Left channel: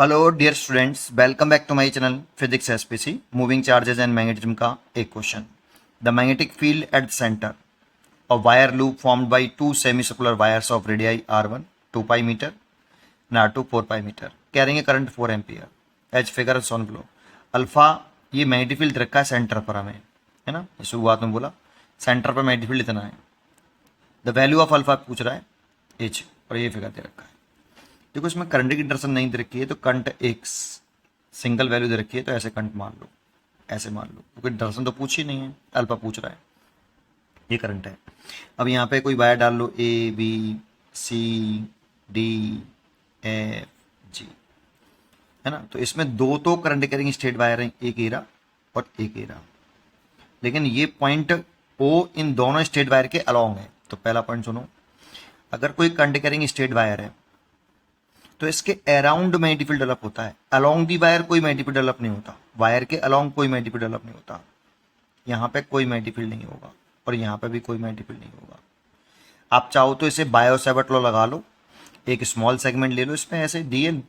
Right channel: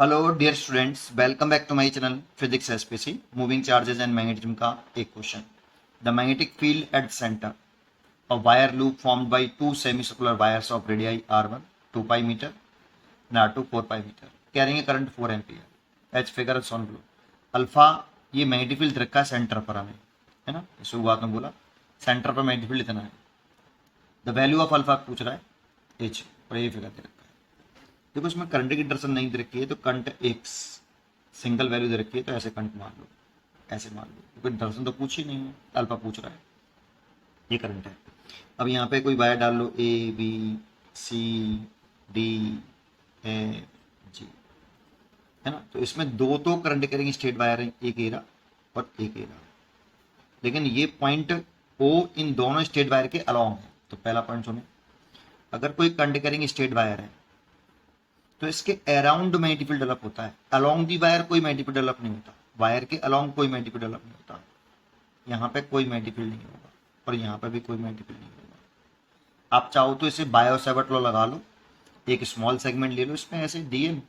Hello dear students, welcome back to my channel physics SPC. Moving charges and magnetism का एक question. The magnetic field at the centre of wire loop formed by two semi circular wires of radii r1 2 pi metre and r2 4 pi metre carrying a current 4 ampere as figure on below. Alpha ये magnetic field रखा है centre पर हमें, है ना। शुरुआत में बोला सेंटर पर मैग्नेटिक फील्ड इतना है। द वैल्यू ऑफ अल्फा पूछ रहा है एच, और ये फिगर दे रखा है। देखो इसमें करंट की डायरेक्शन नहीं दे रखी है, तो करंट एक सिंगल वैल्यू दे रखी है, तो ऐसे करंट मान लो, ऐसे मान लो, क्योंकि डायरेक्शन तो पूछ ही नहीं है, अल्फा पूछ रहा है, ये करंट है। अब यहाँ पे कोई वायर डाल लो, A B C D F G, है ना। तो इसमें दो तो करंट कैरिंग स्ट्रेट वायर हैं, एक एरा और एक एरा, लेकिन ये पॉइंट ओ इन दोनों स्ट्रेट वायर के अलोंग है। तो पहला पॉइंट सुनो, अगर कोई करंट कैरिंग स्ट्रेट वायर है तो इसके अराउंड मैग्नेटिक फील्ड डेवलप होता है। अलोंग दी वायर कोई मैग्नेटिक फील्ड डेवलप नहीं होता, वायर के अलोंग कोई मैग्नेटिक फील्ड डेवलप नहीं होता। यहाँ पे कोई मैग्नेटिक फील्ड नहीं होगा और यहाँ पे भी कोई मैग्नेटिक फील्ड नहीं होगा। आप चाहो तो इसे बायो-सैवर्ट लॉ लगा लो, एक स्मॉल सेगमेंट ले लो इसमें ऐसे डीएल,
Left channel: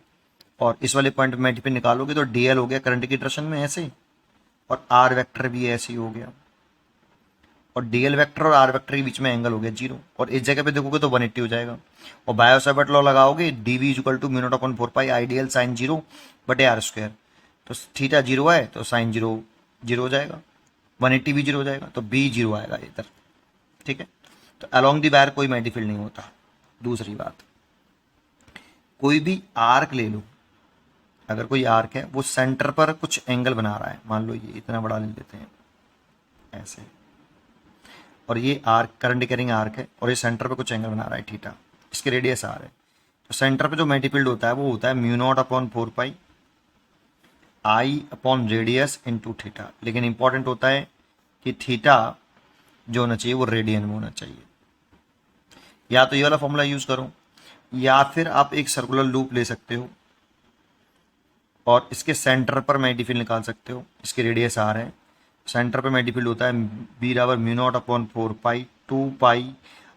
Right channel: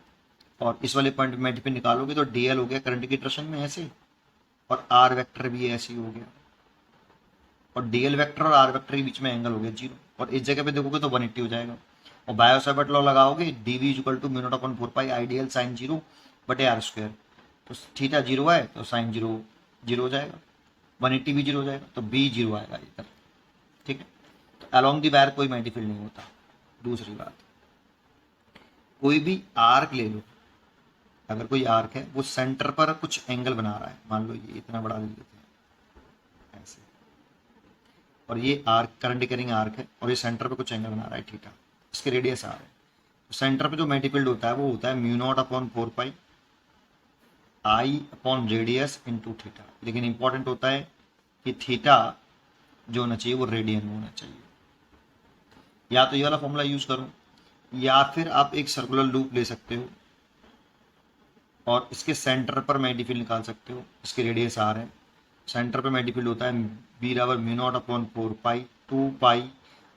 और इस वाले पॉइंट पे मैग्नेटिक फील्ड निकालोगे तो डीएल हो गया करंट की डायरेक्शन में ऐसे, और आर वेक्टर भी ऐसे ही हो गया, और डीएल वेक्टर और आर वेक्टर के बीच में एंगल हो गया जीरो, और इस जगह पे देखोगे तो 180 हो जाएगा। और बायो-सैवर्ट लॉ लगाओगे, d B equal to mu naught upon 4 pi ideal sine zero बटे आर स्क्वायर, तो थीटा जीरो है तो साइन जीरो जीरो हो जाएगा, 180 भी जीरो हो जाएगा, तो बी जीरो आएगा इधर, ठीक है। तो अलोंग दी वायर कोई मैग्नेटिक फील्ड नहीं होता। दूसरी बात, कोई भी आर्क ले लो, अगर कोई आर्क है वो सेंटर पर कुछ एंगल बना रहा है, मान लो ये इतना बड़ा ले लेते हैं ऐसे, और ये आर्क करंट कैरिंग आर्क है, और ये सेंटर पे कुछ एंगल बना रहा है थीटा, इसके रेडियस आर है। तो सेंटर पे जो मैग्नेटिक फील्ड होता है वो होता है म्यू नॉट अपॉन 4 पाई आई अपॉन रेडियस इनटू थीटा, लेकिन इंपॉर्टेंट होता है कि थीटा जो होना चाहिए वो रेडियन में होना चाहिए। या तो ये वाला फॉर्मूला यूज करो, या फिर आप एक सर्कुलर लूप ले सकते हो और इसके सेंटर पर मैग्नेटिक फील्ड निकाल सकते हो। इसकी रेडियस आर है, सेंटर पे मैग्नेटिक फील्ड होता है बी बराबर म्यू नॉट अपॉन 4 पाई 2 पाई,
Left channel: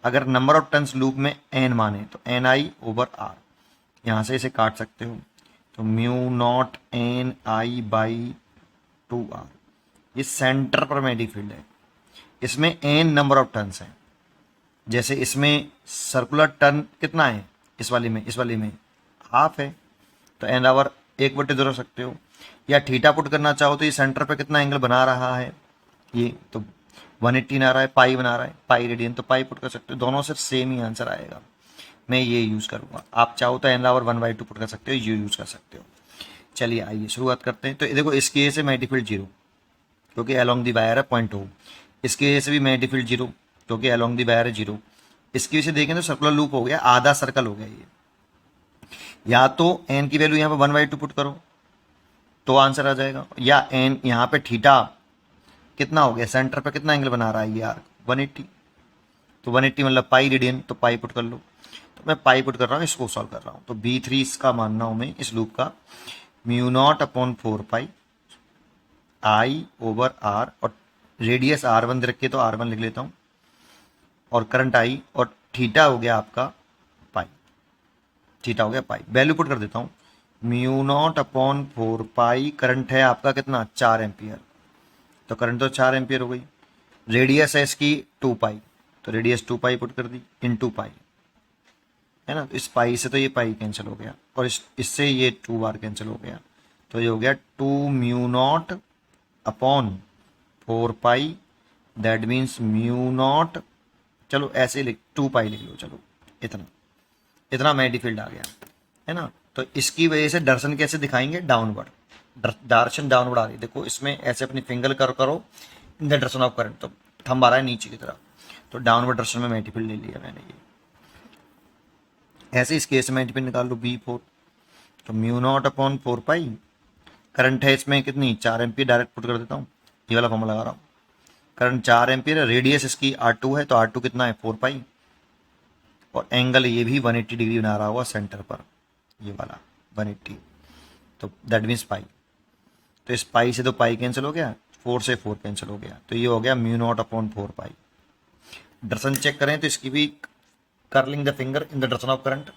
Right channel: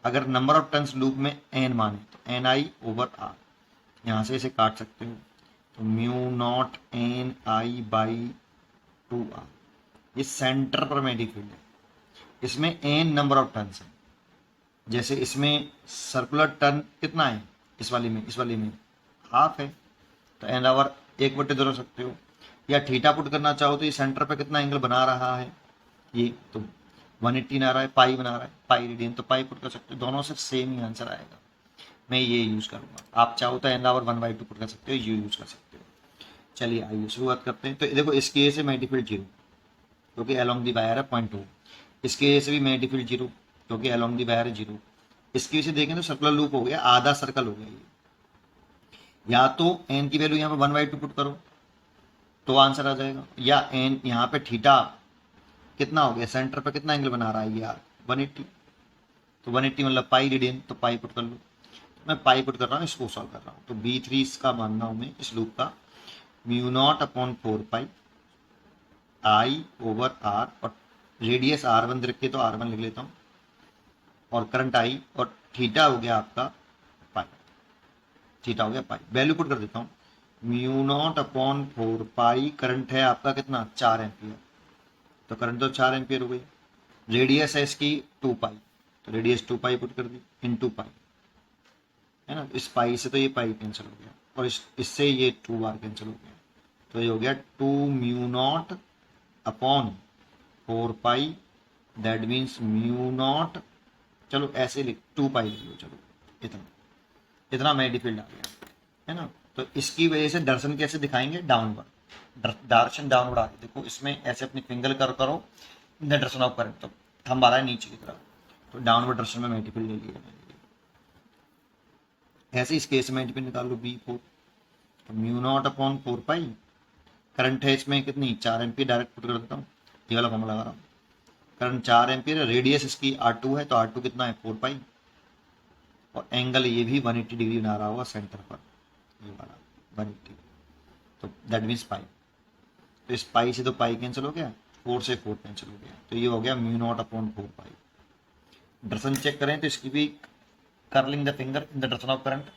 अगर नंबर ऑफ टर्न्स लूप में एन माने तो एन आई ओवर आर, यहाँ से इसे काट सकते हो, तो mu naught N I by 2 R. ये सेंटर पर मैग्नेटिक फील्ड है, इसमें एन नंबर ऑफ टर्न्स है। जैसे इसमें सर्कुलर टर्न कितना है, इस वाली में हाफ है, तो एन आवर 1/2 रख सकते हो। या थीटा पुट करना चाहो तो ये सेंटर पे कितना एंगल बना रहा है, ये तो 180 आ रहा है, पाई बना रहा है, पाई रेडियन, तो पाई पुट कर सकते हो, दोनों से सेम ही आंसर आएगा। मैं ये यूज करूंगा, आप चाहो तो एन आवर 1/2 पुट कर सकते हो, ये यूज कर सकते हो। चलिए आइए शुरुआत करते हैं। तो देखो इसकी वजह से मैग्नेटिक फील्ड जीरो, क्योंकि अलोंग दी वायर है पॉइंट हो। इसकी वजह से भी मैग्नेटिक फील्ड जीरो, क्योंकि अलोंग दी वायर है जीरो। इसकी वजह से देखें तो सर्कुलर लूप हो गया, आधा सर्कल हो गया ये। या तो एन की वैल्यू यहाँ पे 1/2 पुट करो तो आंसर आ जाएगा, या एन यहाँ पे थीटा कितना हो गया, सेंटर पे कितना एंगल बना रहा है ये आर्क 180, तो 180 मतलब पाई रेडियन, तो पाई पुट कर लो। तो मैं पाई पुट कर रहा हूँ, इसको सॉल्व कर रहा हूँ। तो B3 इसका मानना हूँ मैं, इस लूप का mu naught upon 4 pi I over R, और रेडियस R1 दे रखी है तो R1 लिख लेता हूँ, और करंट आई, और थीटा हो गया आपका पाई, थीटा हो गया पाई। वैल्यू पुट कर देता हूँ, म्यू नॉट अपॉन 4 पाई, करंट है आपका कितना 4 एम्पियर, तो करंट तो 4 एम्पियर हो गई। रेडियस है इसकी 2 पाई, तो रेडियस 2 पाई पुट कर दी इन 2 पाई, है ना। तो इस पाई से तो ये पाई कैंसिल हो गया, और इससे ये 2 बार कैंसिल हो गया, तो ये हो गया 2 mu naught upon 4 pi, that means mu naught, चलो ऐसे लिख 2 पाई लिख लो, चलो इतना इतना मैग्नेटिक फील्ड आ गया, है ना। तो इसकी वजह से दर्शन कैसे दिखाएंगे, डाउनवर्ड, डायरेक्शन डाउनवर्ड आ रही है। देखो इसमें ऐसे अपनी फिंगर करो in the direction of current, तो थंब आ रहा है नीचे की तरफ, तो डाउनवर्ड डायरेक्शन में मैग्नेटिक फील्ड ले लिया मैंने ये। ऐसे इस केस में मैग्नेटिक फील्ड निकाल लो B4, तो म्यू नॉट अपॉन 4 पाई, करंट है इसमें कितनी 4 एम्पियर, डायरेक्ट पुट कर देता हूँ, ये वाला फॉर्मूला लगा रहा हूँ। करंट 4 एम्पियर, रेडियस इसकी R2 है, तो R2 कितना है 4 पाई, और एंगल ये भी 180 डिग्री बना रहा हुआ सेंटर पर, ये वाला 180, तो दैट मीन्स पाई। तो इस पाई से तो पाई कैंसिल हो गया, 4 से 4 कैंसिल हो गया, तो ये हो गया म्यू नॉट अपॉन 4 पाई। डायरेक्शन चेक करें तो इसकी भी curling the finger in the direction of current,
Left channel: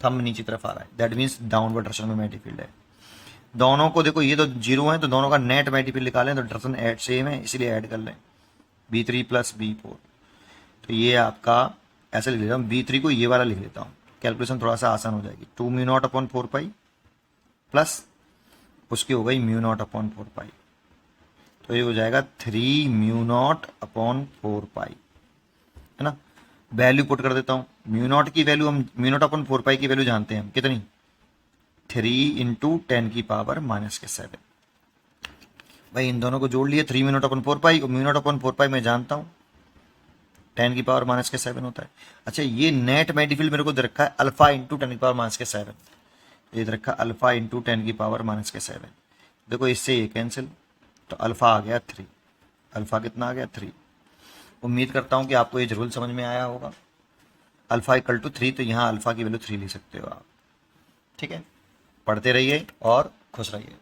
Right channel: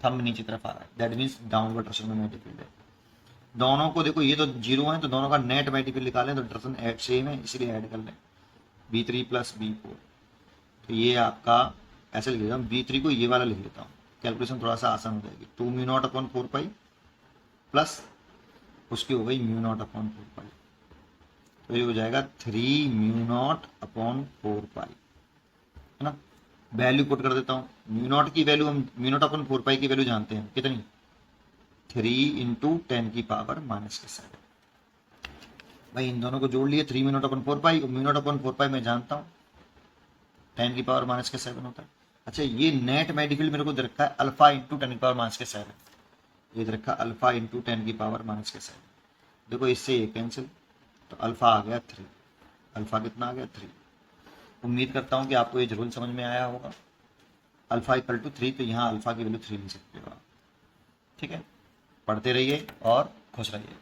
thumb नीचे तरफ आ रहा है, दैट मीन्स डाउनवर्ड डायरेक्शन में मैग्नेटिक फील्ड है। दोनों को देखो, ये तो जीरो है, तो दोनों का नेट मैग्नेटिक फील्ड निकालें तो डायरेक्शन ऐड सेम है, इसलिए ऐड कर लें B3 प्लस B4। तो ये आपका ऐसे लिख लेता हूँ, B3 को ये वाला लिख लेता हूँ, कैलकुलेशन थोड़ा सा आसान हो जाएगी। 2 mu naught upon 4 pi plus उसकी हो गई म्यू नॉट अपॉन 4 पाई, तो ये हो जाएगा 3 म्यू नॉट अपॉन 4 पाई, है ना। वैल्यू पुट कर देता हूँ, म्यू नॉट की वैल्यू हम म्यू नॉट अपॉन 4 पाई की वैल्यू जानते हैं कितनी, 3 इंटू 10 की पावर -7। भाई इन दोनों को जोड़ लिए, 3 म्यू नॉट अपॉन 4 पाई और म्यू नॉट अपॉन 4 पाई मैं जानता हूँ 10 की पावर -7 होता है। अच्छा, ये नेट मैग्नेटिक फील्ड मेरे को दे रखा है अल्फा इंटू 10 की पावर -7, ये दे रखा अल्फा इंटू 10 की पावर -7। देखो इससे ये कैंसिल, तो अल्फा आ गया 3, अल्फा कितना आ गया 3। उम्मीद करता हूँ कि आपको ये जरूर समझ में आया होगा। अल्फा इक्वल टू 3, तो यहाँ अल्फा की वैल्यू 3 ले सकते हो आप। ठीक है, पढ़ते रहिए और खुश रहिए।